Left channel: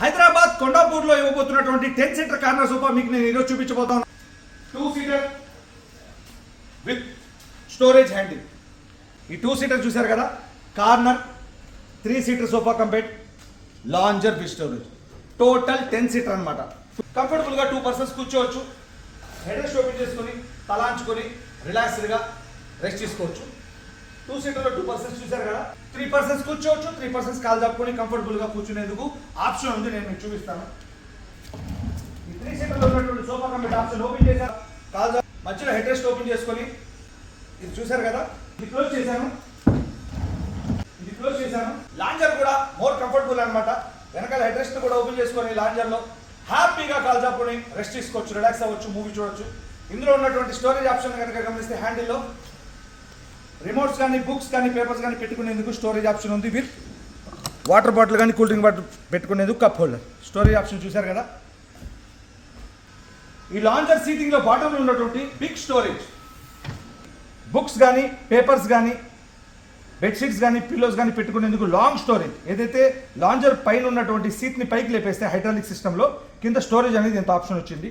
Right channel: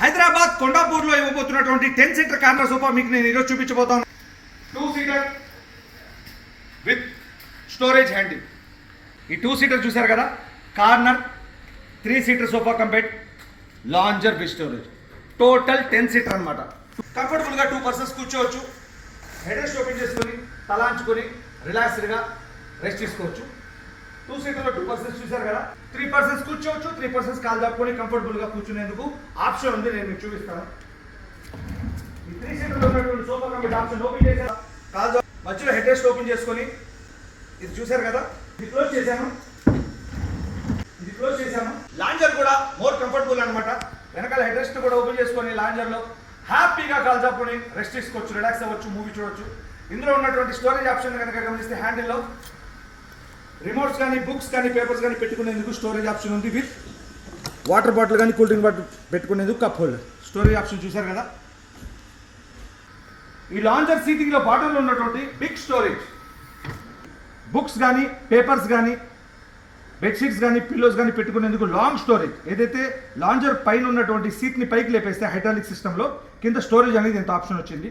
హైదరాబాద్ కొండాపూర్లో ఇవ్వబోతున్నటువంటి ten seater corner sofa మీకు నేను ఈరోజు చూపించబోతాను two seater with storage handle ఈ టూ సీటర్ చూశారు కదా? Corner three seater sofa compact lounger with storage total ten seater అనమాట కంఫర్టబుల్గా టూ పర్సన్స్ కూర్చోవచ్చు. హెడ్ రెస్ట్ ఓపెన్ చేసుకొని తలాంచుకొని రిలాక్స్డ్గా రెస్ట్ తీసుకోవచ్చు. టూ సీటర్లో టూ పర్సన్స్ చూశారు కదా? త్రీ పర్సన్స్ కూర్చోవచ్చు త్రీ పర్సన్స్ కాల్ తప్పుకొని కంఫర్టబుల్గా కూర్చునేందుకు ఆప్షన్ ఉంది నేను మీకు చూపిస్తాను. ఈ త్రీ సీటర్లో ఉన్నటువంటి సోఫా కంపెనీ ఆప్షన్ ఓపెన్ చేశారు? కాల్ మధ్యలో హెడ్ రెస్ట్ ఓపెన్ చేసుకొని ఇది చూశారు కదా? ఇది క్లోజ్ చేశాను. ఇది క్లోజ్ చేశాను. లాంజర్ కూడా మోర్ కంఫర్టబుల్ అనమాట వెనకాల హెడ్ రెస్ట్ కూడా ఓపెన్ చేసుకొని లాంజర్లో హ్యాపీగా కాల్ చెప్పుకొని రెస్ట్ తీసుకోవచ్చు రిలాక్స్ అవ్వచ్చు మూవీ చూడొచ్చు. ఇందులో ఉన్నటువంటి స్టోరేజ్ ఆప్షన్ కనుక గమనిస్తే హ్యాండిల్లో రిమోట్స్ కానీ బుక్స్ కానీ పేపర్స్ కానీ పెట్టుకునేందుకు స్టోరేజ్ ఆప్షన్ ఉంది విత్. వాటర్ బాటిల్ కానీ కూల్ డ్రింక్ బాటిల్ పెట్టుకునేందుకు కప్ హోల్డర్. స్టోరేజ్ ఆప్షన్ చూశారు కదా? ఈ లాంజర్ సీటింగ్లో బాటిల్ ఉన్నటువంటి బిగ్ స్టోరేజ్. బుక్స్ కానీ పేపర్స్ కానీ బెడ్షీట్స్ కానీ పిల్లోస్ కానీ పెట్టుకునేందుకు లాంగ్ స్టోరేజ్. ఏదైతే లాంజర్ పైన ఉన్నటువంటి సీట్ని పైకి లేపేస్తే హైడ్రాలిక్ సిస్టంలో కింద స్టోరేజ్ అనేది ఎంత ఆప్షన్ వచ్చింది.